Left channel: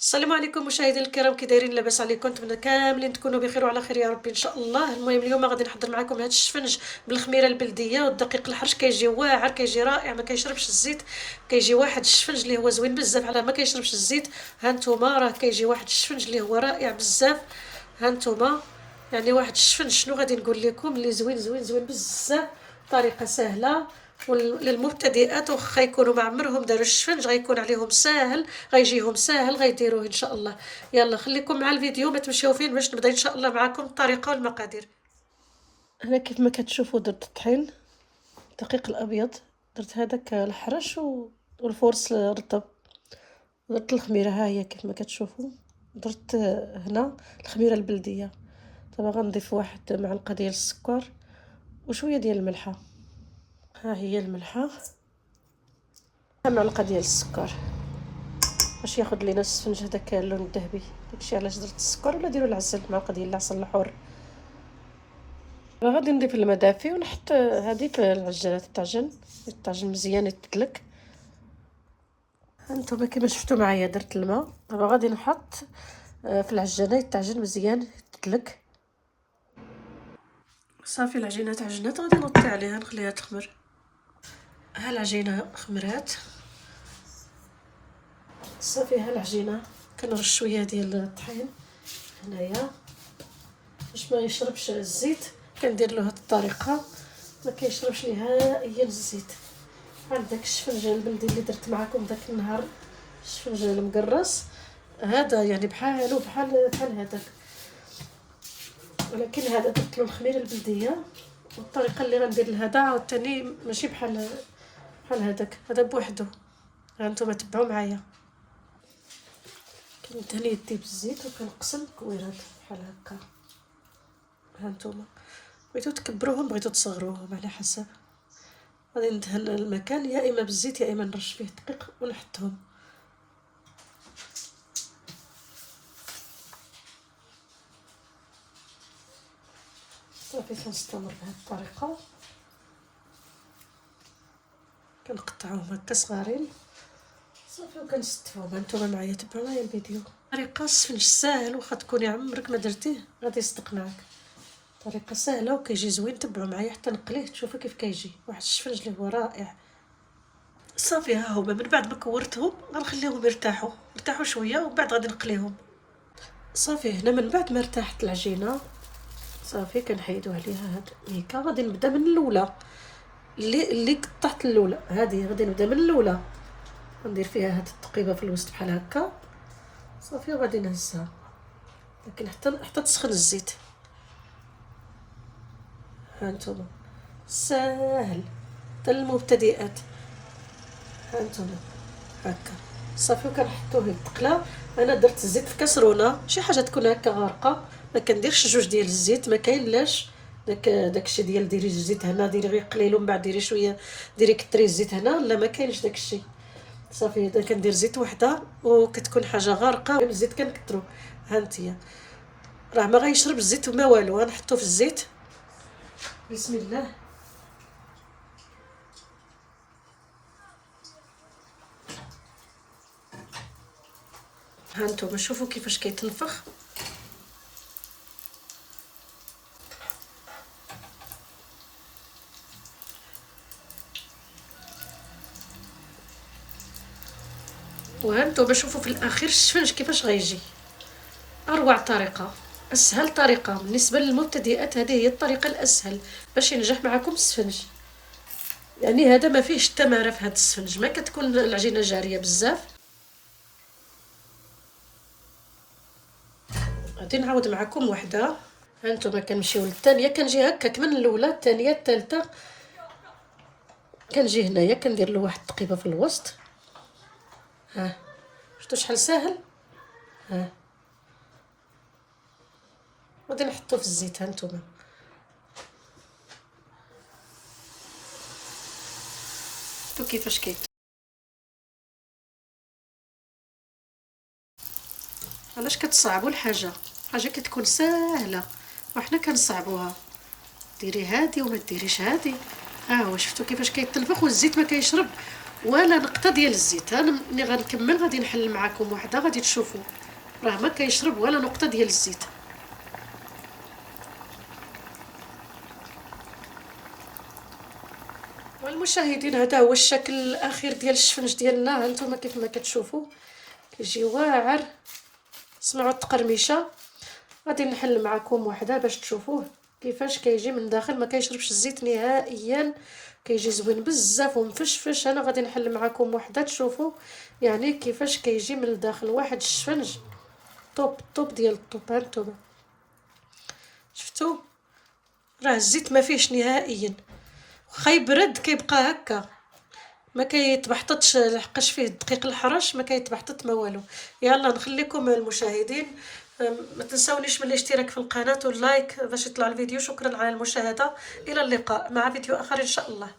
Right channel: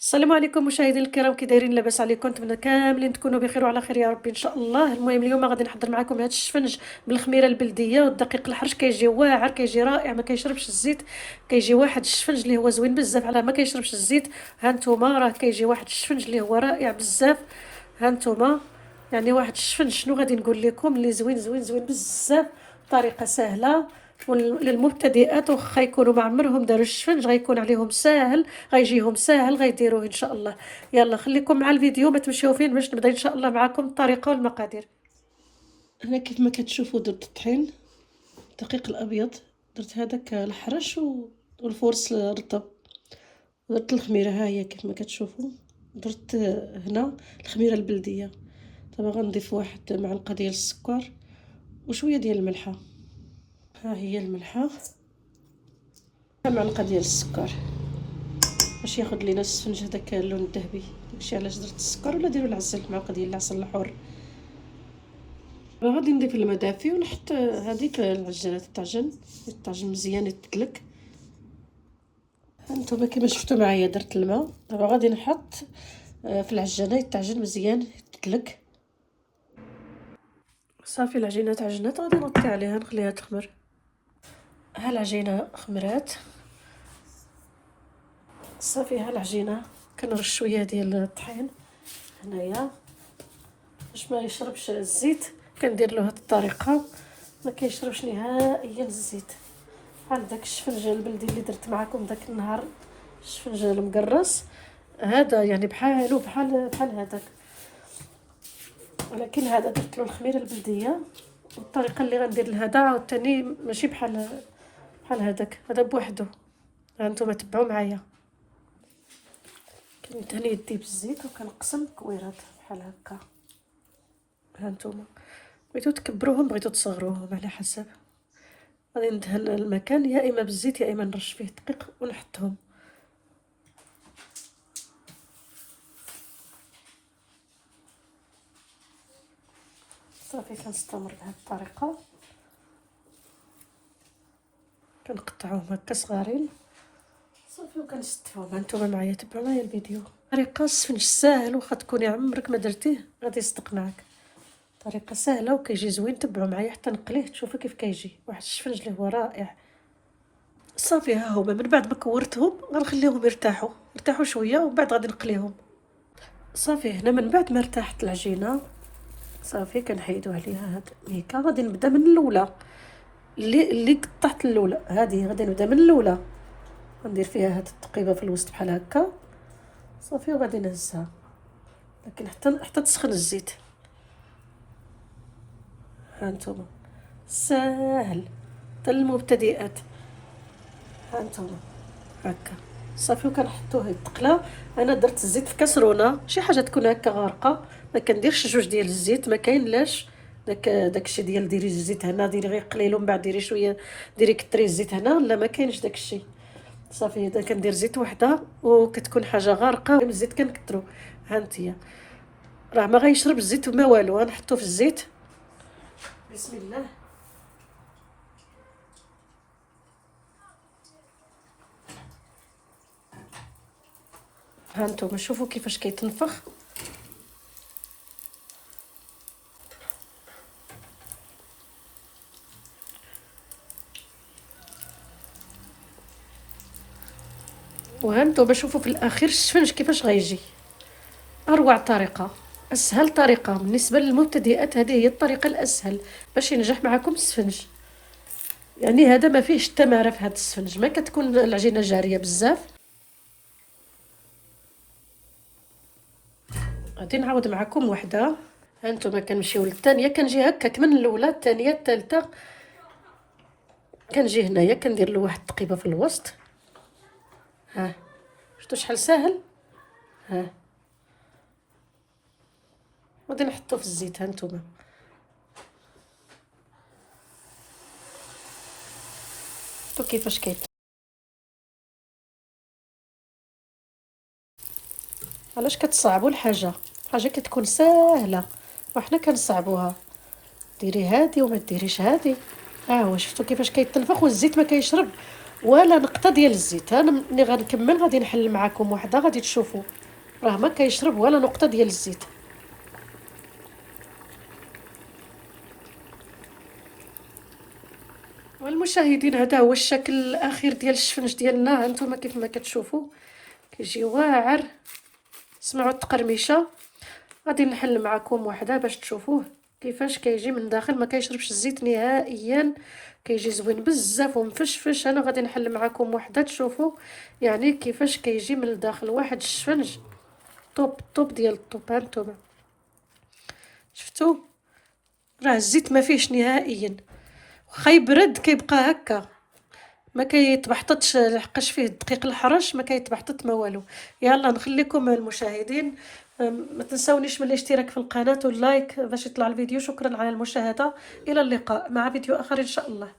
السلام عليكم مشاهدينا الكرام، كي دايرين؟ لاباس عليكم؟ نتمنى كاملين تكونوا بخير وعلى خير يا ربي ان شاء الله. المهم اليوم غادي نحضر معكم هذا الشفنج بالخميره البلديه والدقيق الحرش. كيجي واعر، كيجي رائع، ما كيشربش الزيت. كيجي واحد الشفنج اللي هو زوين بزاف على ما كيشربش الزيت. ها نتوما راه كيجي واحد الشفنج اللي هو رائع بزاف. ها نتوما يعني واحد الشفنج شنو غادي نقول لكم اللي زوين زوين زوين بزاف. طريقه سهله للمبتدئات، وخا يكونوا ما عمرهم داروا الشفنج غيكون عليهم ساهل، غيجيهم ساهل غيديروه ان شاء الله. يلا خليكم مع الفيديو، ما تمشيو فين باش نبدا ان شاء الله معكم الطريقه والمقادير. هنا كيف ما كتشوفوا درت الطحين، الدقيق الابيض، درت هذاك الحرش والفورس رطب، درت الخميره ها هي كيف ما كتشوفوا، درت هنا الخميره البلديه. دابا غنضيف واحد معلقه ديال السكر وشويه ديال الملحه. ها هي الملحه، معلقه ديال السكر باش ياخذ لينا السفنج هذاك اللون الذهبي. داكشي علاش درت السكر، ولا ديروا العسل، معلقه ديال العسل الحر. غادي نضيف الماء دافي ونحط هذه في العجانه الطاجن مزيان يتدلك. هانتوما كما شفتوا معايا درت الماء. دابا غادي نحط في العجانه يتعجن مزيان يتدلك. صافي العجينه تعجنات، غادي نوطي عليها نخليها تخمر. ها العجينه خمرات صافي. ها العجينه كنرش شويه ديال الطحين هنايا باش ما يشربش الزيت. كندير له هاد الطريقه ما كيشربش نهائيا الزيت. بحال داك الشفنج البلدي اللي درت معكم داك النهار، الشفنج المقرص هذا يعني بحال هذاك، ولكن هذا درت له الخميره البلديه. والطريقه اللي غندير لهذا عاوتاني ماشي بحال هذاك، هذا بوحدو. هانتوما تبعوا معايا. كندهن يدي بالزيت وكنقسم كويرات بحال هكا. هانتوما بغيتو تكبروهم بغيتو تصغروهم على حسب. غادي ندهن المكان يا اما بالزيت يا اما نرش فيه دقيق ونحطهم. صافي كنستمر بهذه الطريقه، كنقطعوهم هكا صغارين صافي وكنستفوهم. هانتوما معايا تبعوا معايا الفيديو. طريقه السفنج ساهل، واخا تكوني عمرك ما درتيه غادي يصدق معاك. طريقه سهله وكيجي زوين. تبعوا معايا حتى نقليه تشوفوا كيف كيجي واحد الشفنج اللي هو رائع. صافي ها هما من بعد ما كورتهم غنخليهم يرتاحوا شويه ومن بعد غادي نقليهم. صافي هنا من بعد ما ارتاحت العجينه صافي كنحيدو عليها هاد الميكا. غادي نبدا من الاولى اللي قطعت الاولى، هذه غادي نبدا من الاولى. غندير فيها هاد التقيبه في الوسط بحال هكا صافي، وغادي نهزها لكن حتى تسخن الزيت. هانتوما ساهل حتى للمبتدئات. هانتوما هكا صافي وكنحطوه يتقلا. انا درت الزيت في كاسرونه، شي حاجه تكون هكا غارقه، ما كنديرش جوج ديال الزيت، ما كاين لاش داكشي ديال ديري الزيت هنا ديري غير قليل ومن بعد ديري شويه، ديري كتري الزيت هنا، لا ما كاينش داكشي. صافي اذا كندير زيت وحده وكتكون حاجه غارقه الزيت كنكثرو. هانتيا راه ما غيشرب الزيت ما والو. غنحطو في الزيت بسم الله. هانتوما شوفوا كيفاش كيتنفخ. وهانتوما شوفوا في الاخير الشفنج كيفاش غيجي. اروع طريقه، اسهل طريقه بالنسبه للمبتدئات، هذه هي الطريقه الاسهل باش ينجح معكم السفنج. يعني هذا ما فيهش التماره في هذا السفنج، ما كتكون العجينه جاريه بزاف. غادي نعاود معكم وحده. هانتوما كنمشيو للثانيه، كنجي هكاك من الاولى الثانيه الثالثه، كنجي هنايا كندير له واحد التقيبه في الوسط. ها شفتوا شحال ساهل. ها غادي نحطو في الزيت. هانتوما شفتوا كيفاش علاش كتصعبوا الحاجه؟ حاجه كتكون ساهله وحنا كنصعبوها. ديري هادي وما ديريش هادي. ها هو شفتوا كيفاش كيتنفخ والزيت ما كيشرب ولا نقطه ديال الزيت. انا ملي غنكمل غادي نحل معكم وحده غادي تشوفوا راه ما كيشرب ولا نقطه ديال الزيت. والمشاهدين هذا هو الشكل الاخير ديال الشفنج ديالنا. هانتوما كيف ما كتشوفوا كيجي واعر. سمعوا التقرميشه. غادي نحل معكم وحده باش تشوفوه كيفاش كيجي من داخل، ما كيشربش الزيت نهائيا، كيجي زوين بزاف ومفشفش. انا غادي نحل معكم وحده تشوفوا يعني كيفاش كيجي من الداخل. واحد الشفنج طوب ديال الطوب. هانتوما شفتوا راه الزيت ما فيهش نهائيا، واخا يبرد كيبقى هكا، ما كيتبحططش لحقاش فيه الدقيق الحرش، ما كيتبحطط ما والو. يلا نخليكم مع المشاهدين. ما تنسونيش من الاشتراك في القناة واللايك باش يطلع الفيديو. شكرا على المشاهدة، الى اللقاء مع فيديو اخر ان شاء الله.